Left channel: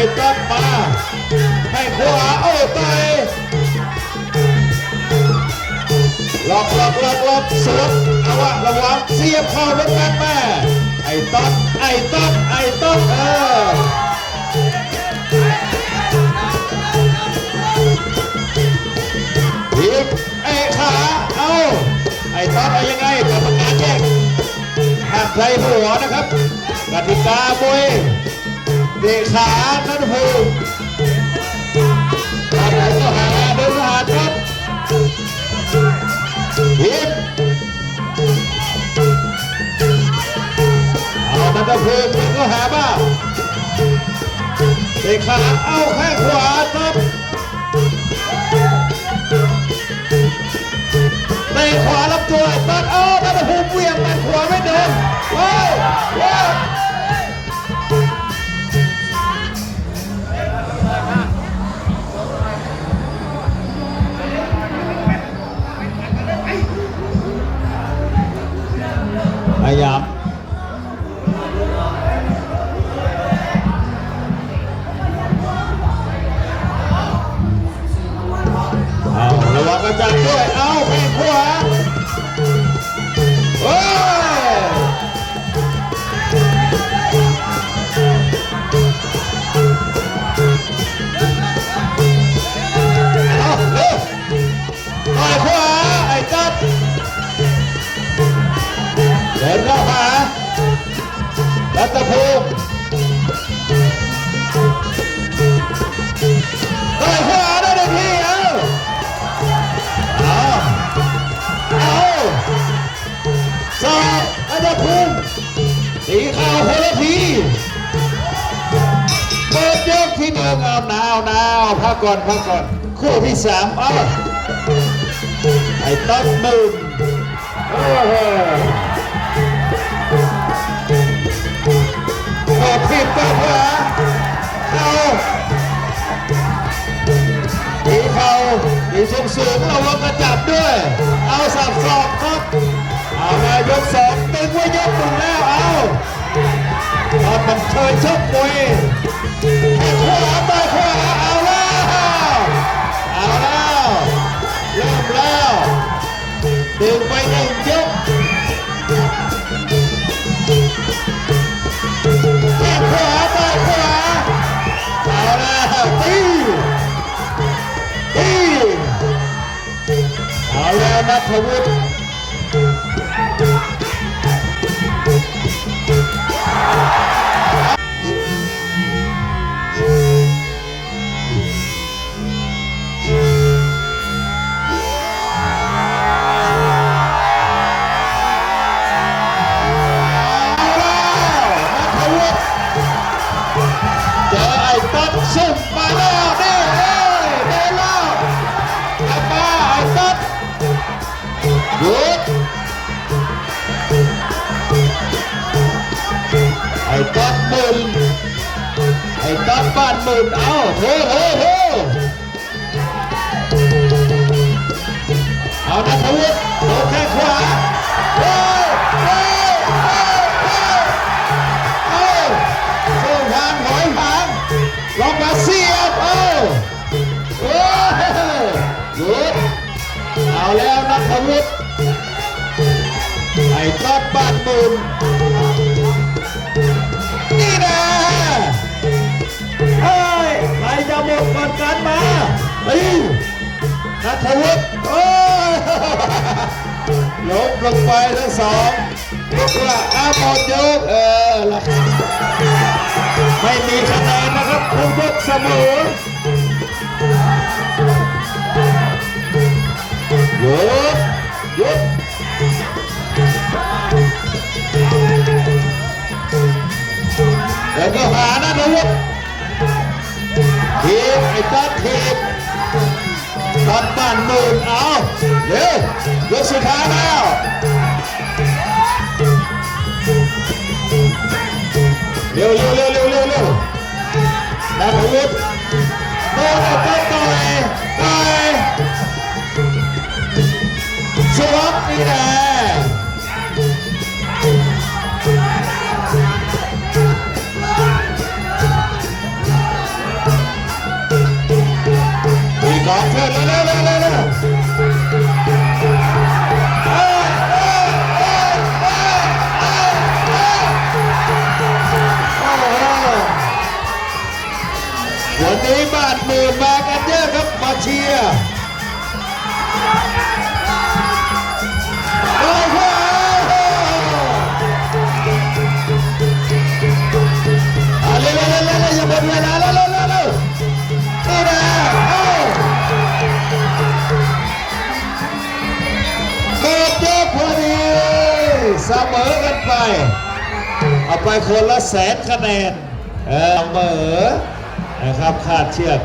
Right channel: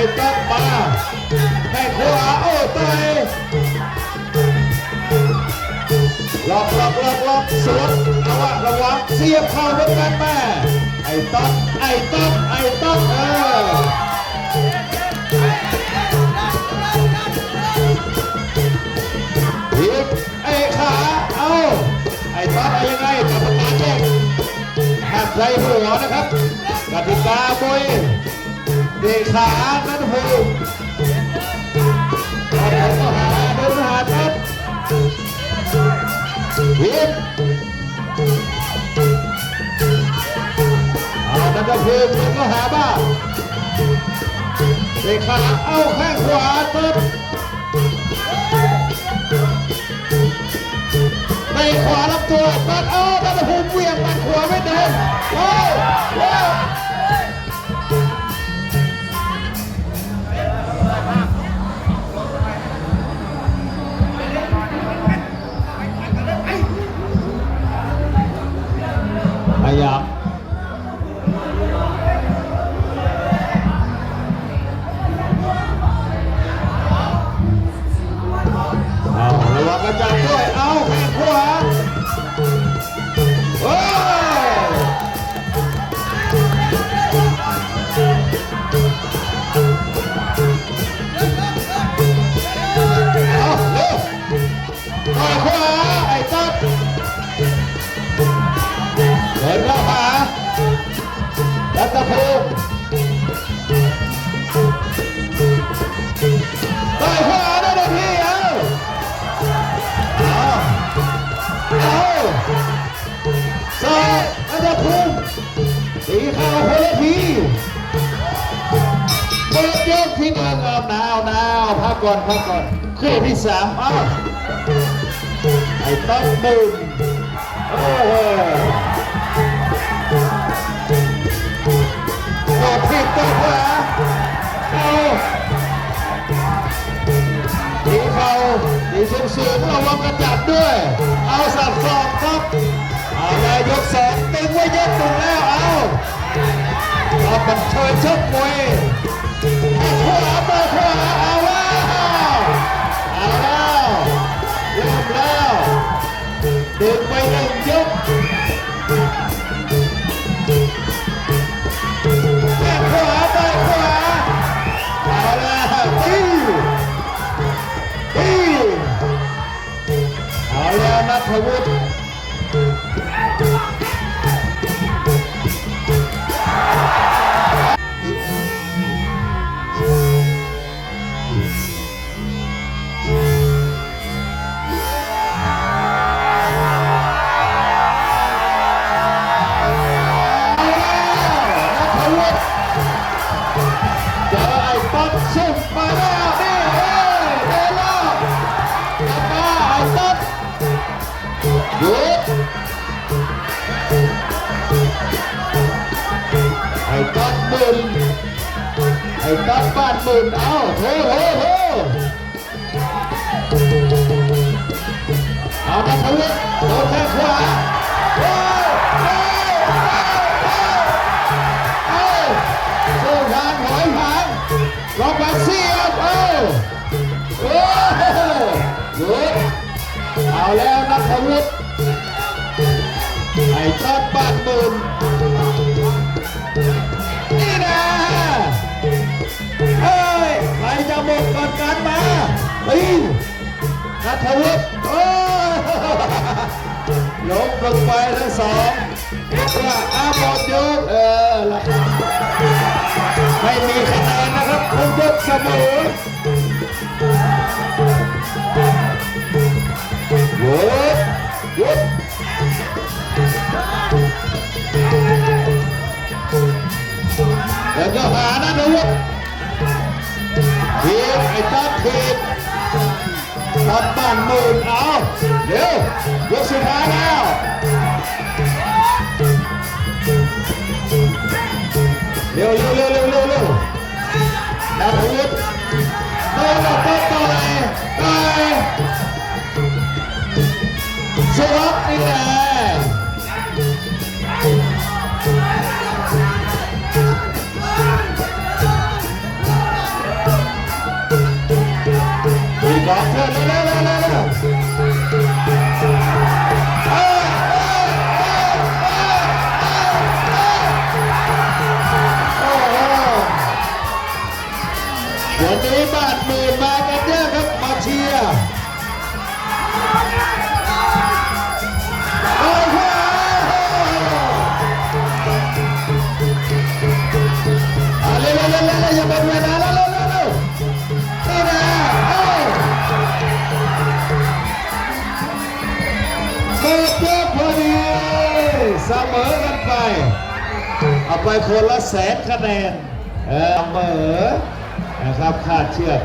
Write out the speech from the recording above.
เอายังไมาให้ขวาเอ้ยต่อยหลอกหลอกหลอกหลอกเสียบระวังระวังเสียบเข้าเหมือนกันแม่ไอ้ต๊อกไอ้ต๊อกไอ้ต๊อกเออทีบไอ้ขาเอาไอ้ต๊อกเอายังไงกรรมการแจ้งห้ามใช้หัวนะครับกติกาบวย เด็กขานั่นคือเอาเดินมาหาเดินมาหาครับทีมเอามันก็คือทีมก็หาบ้าเตะขาเอาแข้งขวาครับเตะขวาลำตัวตัดเอาตัดหูเวียงมันขวาไม่เดินว้ สีขาวพลทีเปิดยกที่หนึ่งเอาหนาวหนาวพักก่อนพักก่อนคู่ที่สามเอาไอ้ตั้งมึงโอ้โหขอบผิดไปขาเอาดีเขาดีสูงสูงระวังกระจับด้วย เอาสับสอบครับ เอาแล้วยกสองตึงไว้ยกหนึ่งแล้ว บอาเอาเป็นโชว์ชกมวย หยุดไอ้แจ็คมึนไอ้ต๊กบ้านมึนเอ้าเฮ้เฮ้เฮ้เอาทวุฒิโดนแข้งขวาเฮ้เฮ้เฮ้เอาสู้ทางหอยหางล็อกมาเสียบเอาโอ้หยุดเอาแล้วนัทวุฒิ ไอ้ต๊อบบ้านบุญนี่นะเฮ้ยใครจะหมดก่อนกันมาตีนัทวุฒิโอ้ยลงลงไปทั้งสองเรียกว่าอาบอดยกเออไม่มีคะแนนนะครับทุกยกเสมอ แล้วก็หานะหนุ่มทีมไอ้จ้าทีมจับด้านหนึ่งเอาเร็วเดี๋ยวสุดท้ายแล้วเร็วเร็วเร็วเร็วเร็วเร็วมาไปลุกเดินไปไปไปสวัสดีนะ วันนี้บาทหมื่นมากันเยอะครับมาเชียร์เสมอกันไปเอาไปคนละแสนคะแนนเออเหมอ นะครับคาดเชือก